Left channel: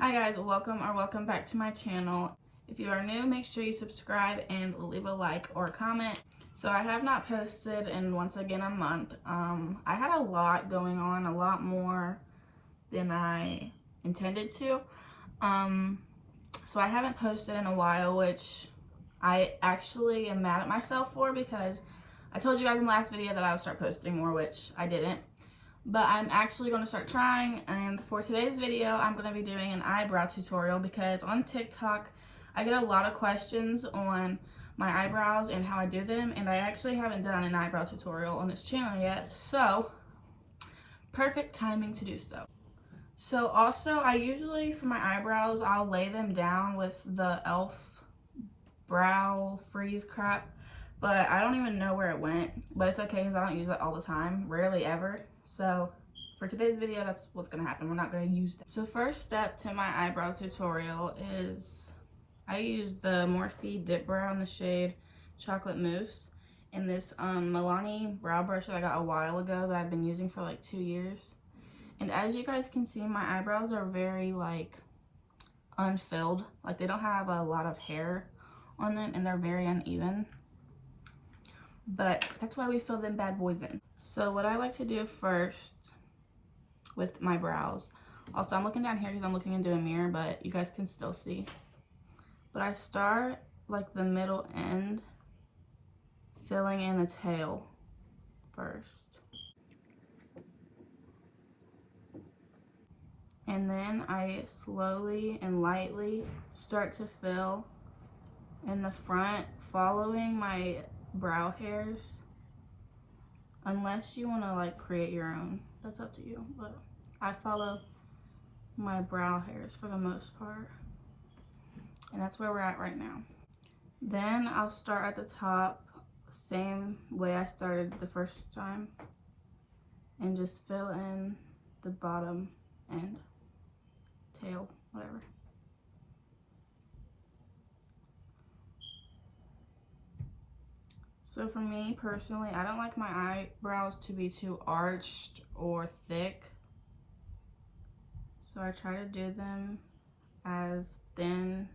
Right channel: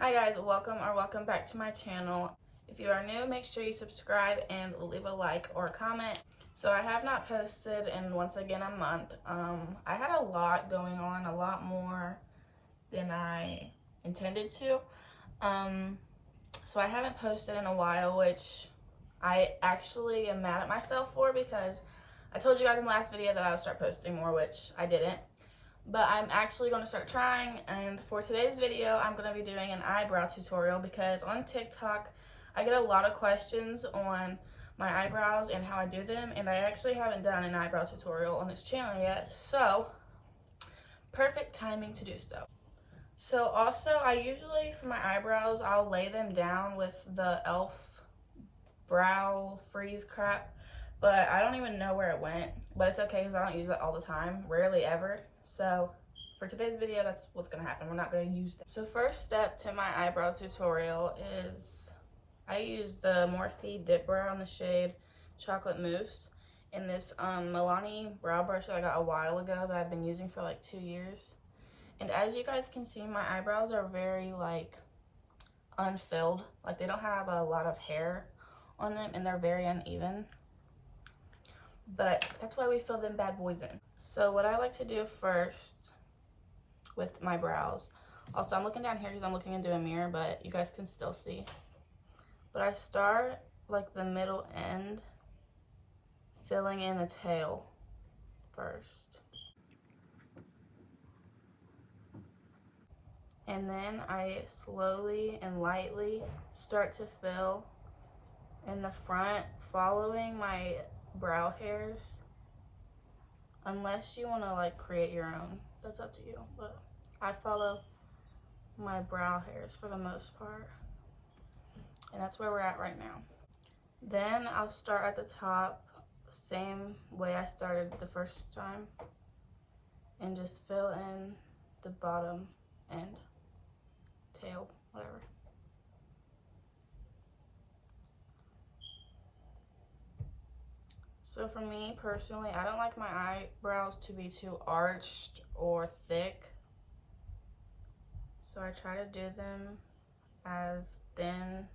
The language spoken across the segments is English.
Hi guys, welcome back to my channel. If you are new, make sure you subscribe and leave a like or a comment. So I have not posted in once again a month. I had a lot going on, a lot more than I intended to. So I haven't posted in a while, which I actually am mad at myself for, because I told you guys in the last video that I would start posting more, which I didn't. But I'm actually going to start trying, and for today's video I'm going to be doing an eyebrow tutorial, because on TikTok I get a lot of questions on my eyebrows and how I do them, and I actually haven't done an eyebrow tutorial on this channel yet, so perfect timing to do so. So also, I usually, for my eyebrows, I'll lay them down with the e.l.f. brow freeze crap, but I don't even know where it went, but it's okay because I don't use it all the time, rarely ever. So for today's video, that's what's gonna happen. We're not gonna use that. So first step to my eyebrow tutorial is I use the Morphe Dip Brow in the shade Chocolate Mousse in this Milani brow brush that I got a while ago that I've been using for like 2 years. And as you guys can see, my eyebrows are very like unfilled. Like they don't have a lot of hair on them and they're very uneven. But that's why we fill them bad boys in. So what I like to do first with my brows, also I'm looking down here because I'm looking into a mirror, but you guys can still see. But I start like the middle end, filling in the tail first. And then I slowly and lightly start to fill in the front, following my brow hairs, unless you want to like create your own, that's up to you, but I follow my brow hairs for the most part, and that's where we're at right now. Then I'll start at the top, same way I started the first time, and just fill in the bottom end, tail, whatever. So for me personally, I don't like my eyebrows to be too arched or thick. So I try to do them as thin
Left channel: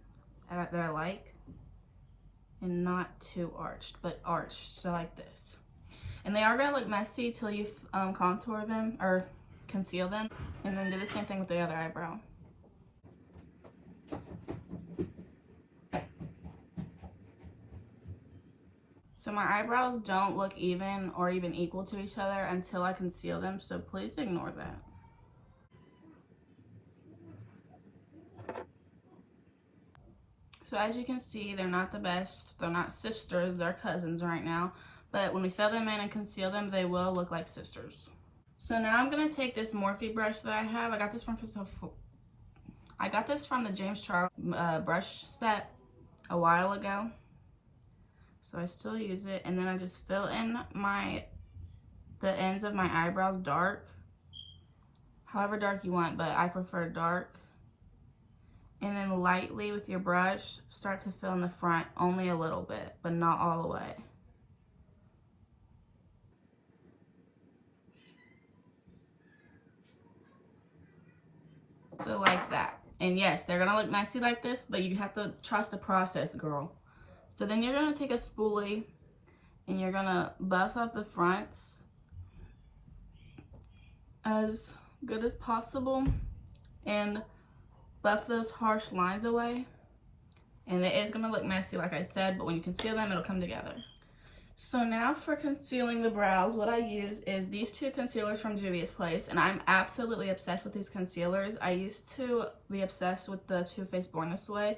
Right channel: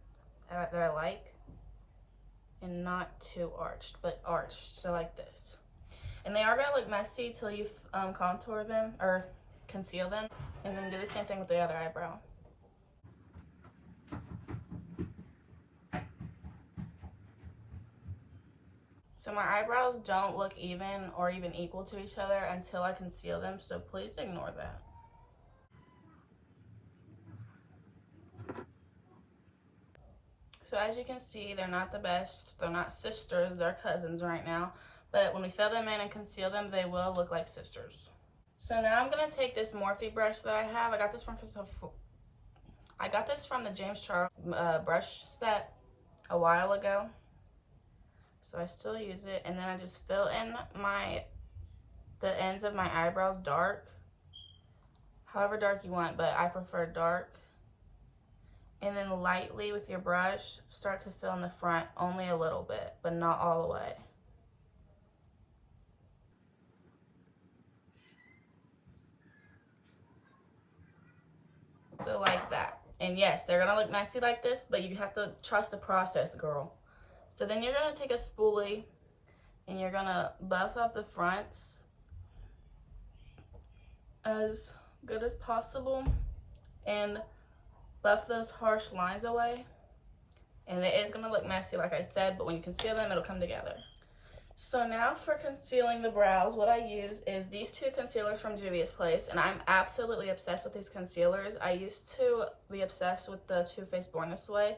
that I like, and not too arched, but arched, so like this. And they are gonna look messy till you contour them or conceal them, and then do the same thing with the other eyebrow. So my eyebrows don't look even or even equal to each other until I conceal them, so please ignore that. So as you can see, they're not the best. They're not sisters, they're cousins right now. But when we fill them in and conceal them, they will look like sisters. So now I'm gonna take this Morphe brush that I have. I got this from the James Charles brush set a while ago. So I still use it, and then I just fill in the ends of my eyebrows dark, however dark you want, but I prefer dark. And then lightly with your brush, start to fill in the front, only a little bit, but not all the way. So like that. And yes, they're gonna look messy like this, but you have to trust the process, girl. So then you're gonna take a spoolie and you're gonna buff up the fronts as good as possible and buff those harsh lines away. And it is gonna look messy like I said, but when you conceal them, it'll come together. So now for concealing the brows, what I use is these two concealers from Juvia's Place, and I'm absolutely obsessed with these concealers. I used to be obsessed with the Too Faced Born This Way,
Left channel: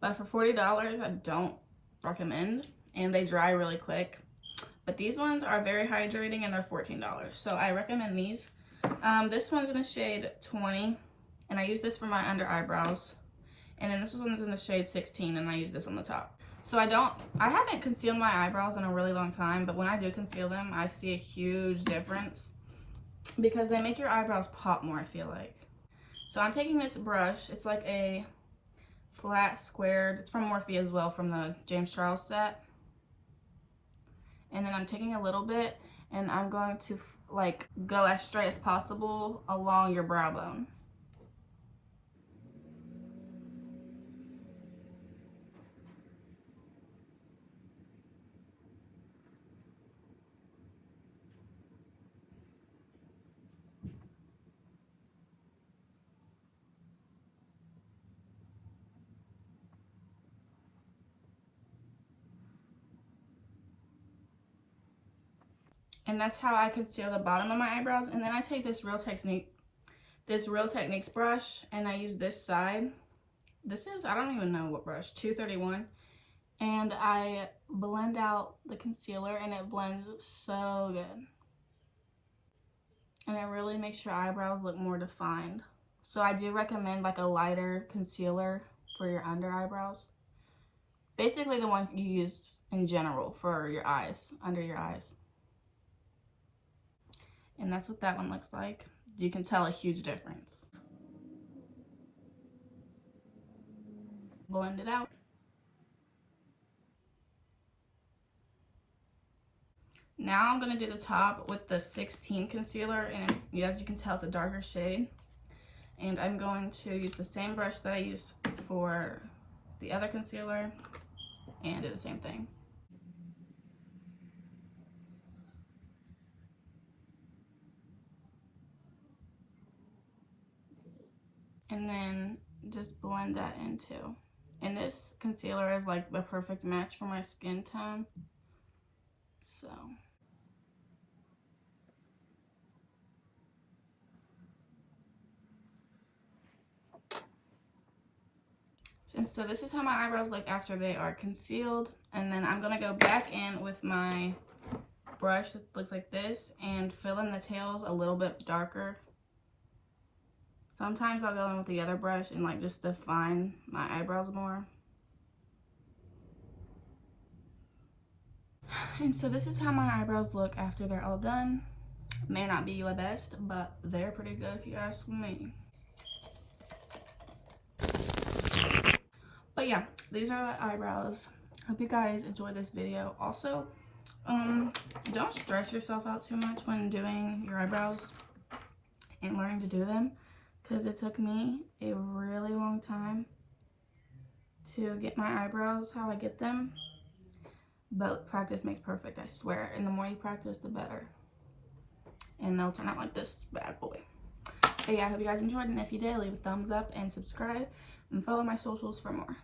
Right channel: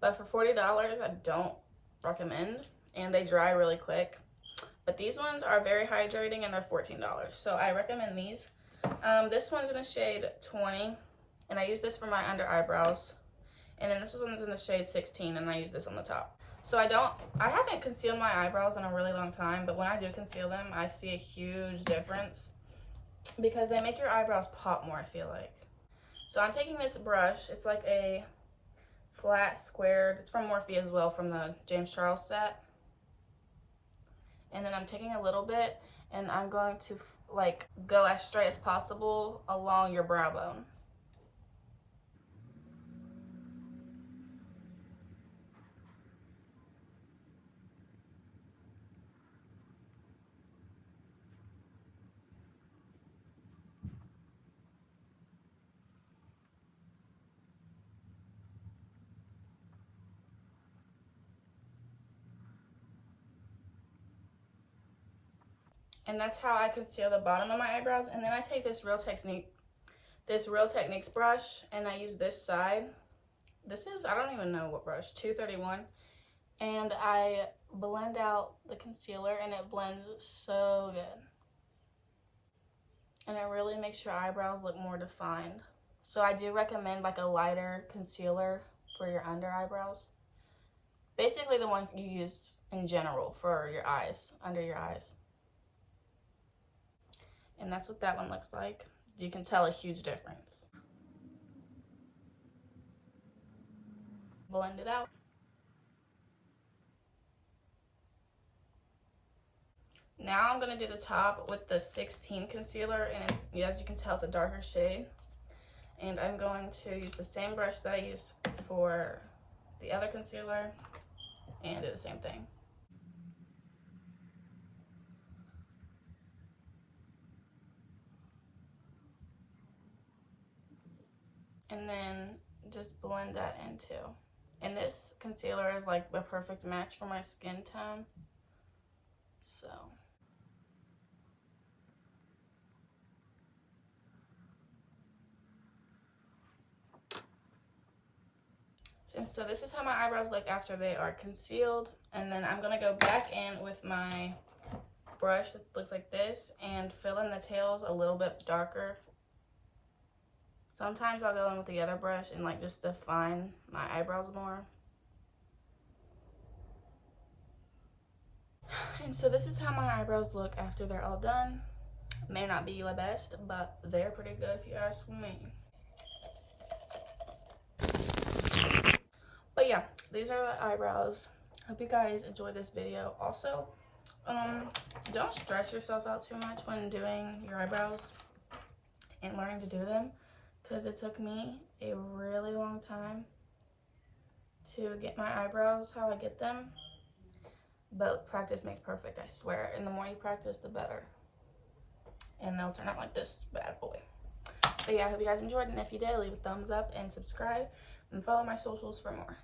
but for $40, I don't recommend, and they dry really quick. But these ones are very hydrating and they're $14, so I recommend these. This one's in the shade 20, and I use this for my under eyebrows, and then this one's in the shade 16, and I use this on the top. So I haven't concealed my eyebrows in a really long time, but when I do conceal them, I see a huge difference because they make your eyebrows pop more, I feel like. So I'm taking this brush, it's like a flat squared, it's from Morphe as well, from the James Charles set. And then I'm taking a little bit and I'm going to like go as straight as possible along your brow bone. And that's how I conceal the bottom of my eyebrows. And then I take this Real Techniques brush, and I use this side. This is, I don't even know what brush, 231. And I blend out the concealer, and it blends so good. And it really makes your eyebrows look more defined. So I do recommend like a lighter concealer for your under eyebrows. Basically the ones you use in general for your eyes, under your eyes. And that's what that one looks like. You can tell a huge difference. Blend it out. Now I'm going to do the top with the 16 concealer, and as you can tell, it's a darker shade. And I'm going to use the same brush that I used for the other concealer and do the same thing. And then just blend that in too. And this concealer is like the perfect match for my skin tone. So. And so this is how my eyebrows look after they are concealed. And then I'm gonna go back in with my brush that looks like this and fill in the tails a little bit darker. Sometimes I'll go in with the other brush and like just define my eyebrows more. And so this is how my eyebrows look after they're all done. May not be the best, but they're pretty good if you ask me. But yeah, these are the eyebrows. Hope you guys enjoyed this video. Also, don't stress yourself out too much when doing your eyebrows and learning to do them, because it took me a really long time to get my eyebrows how I get them. But practice makes perfect, I swear. And the more you practice, the better. And they'll turn out like this bad boy. But yeah, I hope you guys enjoyed. And if you did, leave a thumbs up and subscribe. And follow my socials for more.